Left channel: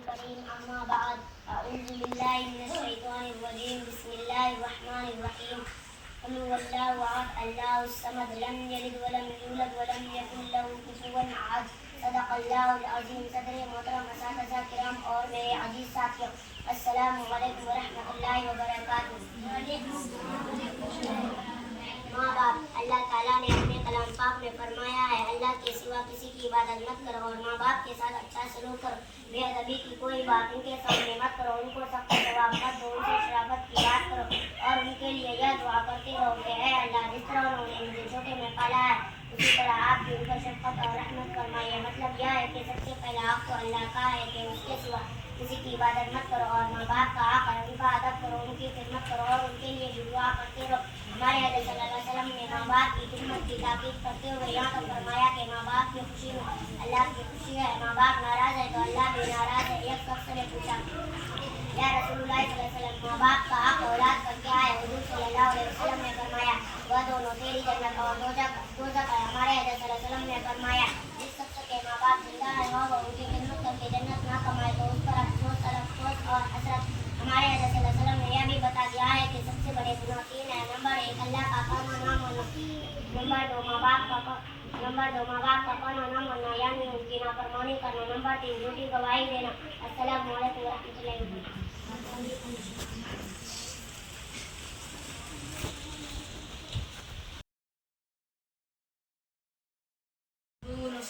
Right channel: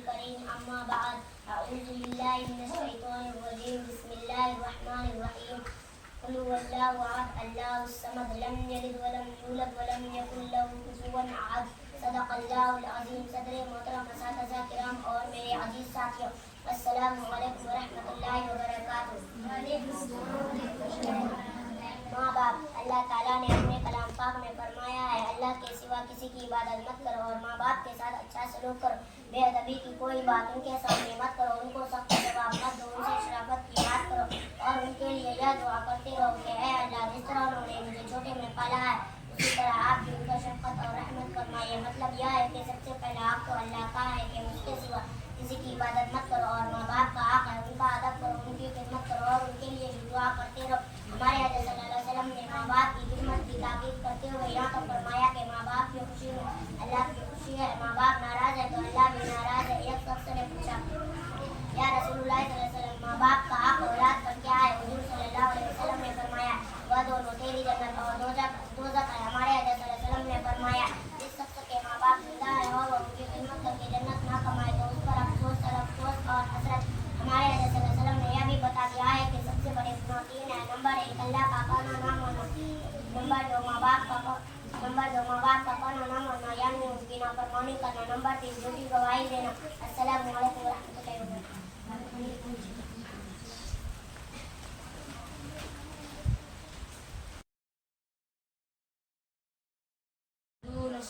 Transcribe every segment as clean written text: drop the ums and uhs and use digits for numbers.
الكريم أما بعد أعوذ بالله من الشيطان الرجيم بسم الله الرحمن الرحيم قل هو الله أحد الله الصمد لم يلد ولم يولد ولم يكن له كفوا أحد صدق اللہ العظیم. صدر محترم اساتذہ کرام اور میرے عزیز ساتھیوں، السلام علیکم ورحمۃ اللہ وبرکاتہ. ماں باپ، اللہ تعالیٰ نے اپنے کلام پاک میں فرمایا ہے اللہ کے سوا کسی کی عبادت مت کرو اور ماں باپ کے ساتھ اچھا سلوک کرو. بے ادبی کی کوئی بات ان کے سامنے مت کرو، ان کو سخت جواب مت دو، ان سے شرافت کی بات کرو اور ان کے لیے یہ دعا کرتے رہو کہ اے اللہ جس طرح انہوں نے مجھے چھوٹے میں پالا ہے اسی طرح آپ بھی ان کا شفقت اور رحمت فرمائیے. مطلب یہ ہے کہ سب سے پہلا حق تو اللہ کا ہے کہ اس کے سوا کسی کی عبادت مت کرو اور ماں باپ کا حق ہے ان کا ادب کرو، ان کی خدمت کرو اور ان کے لیے بھی دعا کرتے رہو. ہمارے حضرت صلی اللہ علیہ وسلم نے ماں باپ کی خدمت کی تاکید کرتے ہوئے یہاں تک فرمایا کہ ماں باپ کی خوشی میں اللہ کی خوشی ہے، ماں باپ ناراض ہے تو اللہ بھی ناراض ہے. ایک شخص نے پوچھا یا رسول اللہ صلی اللہ علیہ وسلم ماں باپ کا حق اولاد پر کیا ہے؟ حضور صلی اللہ علیہ وسلم نے فرمایا وہ دونوں تیری جنت اور دوزخ ہے. ہمارے حضرت صلی اللہ علیہ وسلم نے فرمایا جس شخص کے ماں باپ زندہ ہے اور وہ ان کی خدمت کر کے جنت نہ کمائے تو اس پر افسوس اور حسرت. ہمارے حضرت صلی اللہ علیہ وسلم نے یہ بھی بتا دیا ہے کہ سب سے بڑے گناہ تین ہیں. نمبر 1 اللہ کا قانون نہ ماننا، نمبر 2 ماں باپ کا قانون نہ ماننا یعنی ان کی نافرمانی کرنا، نمبر 3 جھوٹی گواہی دینا. السلام علیکم ورحمۃ اللہ وبرکاتہ.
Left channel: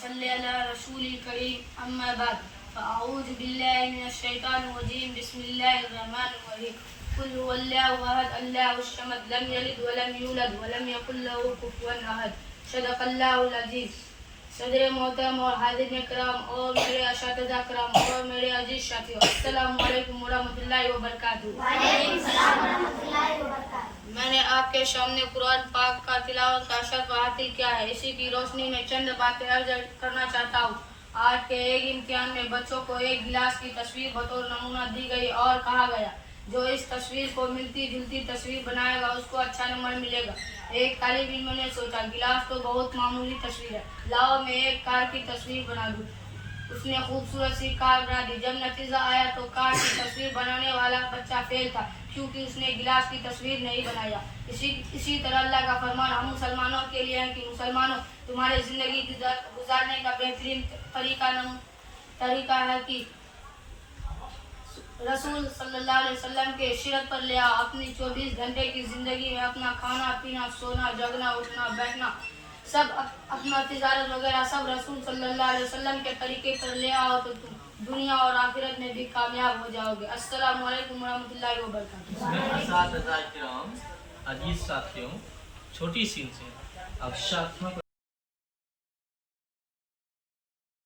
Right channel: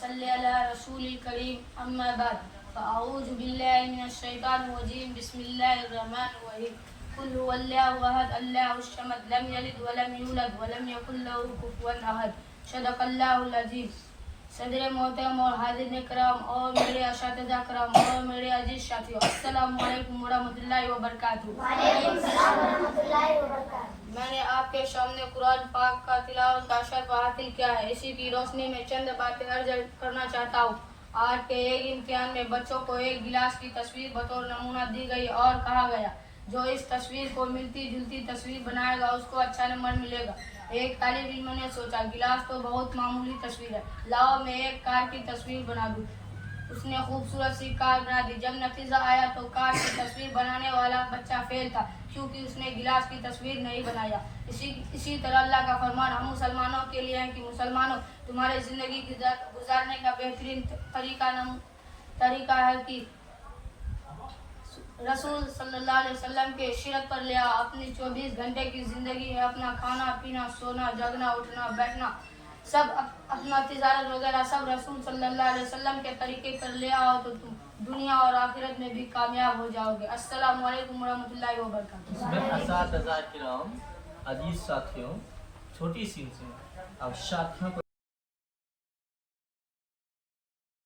صلی علی رسول کریم اما بعد فاعوذ باللہ من الشیطان الرجیم بسم اللہ الرحمن الرحیم قل هو اللہ احد اللہ الصمد لم یلد ولم یولد ولم یکن له کفوا احد صدق اللہ العظیم. صدر محترم اور حاضرین کرام اور میرے اساتذہ کرام اور میرے عزیز ساتھیوں، السلام علیکم ورحمۃ اللہ وبرکاتہ. وعلیکم السلام ورحمۃ اللہ وبرکاتہ. میں نے آپ کے سامنے قرآن پاک کا تلاوت کا شرف حاصل کیا ہے. اسی کی روشنی میں چند باتیں عرض کرنا چاہتا ہوں. آج کے ایک امتحان میں بچوں کو ایک گلاس کی تصویر بطور نمونہ دی گئی اور کہا گیا جو اس تصویر کو ملتی جلتی تصویر بنائے گا اس کو اچھا نمبر ملے گا. ایک طالب علم نے سوچا گلاس تو بہت معمولی تصویر ہے، لاؤ میں ایک کار کی تصویر بنا دوں. اس نے خوبصورت سی کار بنا دی. جب نتیجہ آیا تو کار کی تصویر بنانے والا بچہ فیل تھا کیونکہ اس نے گلاس کی تصویر نہیں بنایا. اسی طرح اللہ کا فرمان ہم مسلمانوں کے لیے ہے کہ مسلمانوں تمہارے زندگی گزارنے کا بہترین طریقہ ہے کہ رسول صلی اللہ علیہ وسلم کے سیرت پر لے آؤ. اپنی 24 گھنٹے کی زندگی میں اپنا کھانا پینا سونا جگنا اٹھنا بیٹھنا سب اپنا تجارت وغیرہ سب رسول صلی اللہ علیہ وسلم کے طریقے پر لے آؤ تو تم دنیا اور آخرت میں بھی کامیاب ہو جاؤ گے. السلام علیکم ورحمۃ اللہ وبرکاتہ. اس میں اساتذہ کرام، عزیز ساتھیوں، چھوٹی سی سے اب ساتھیوں کو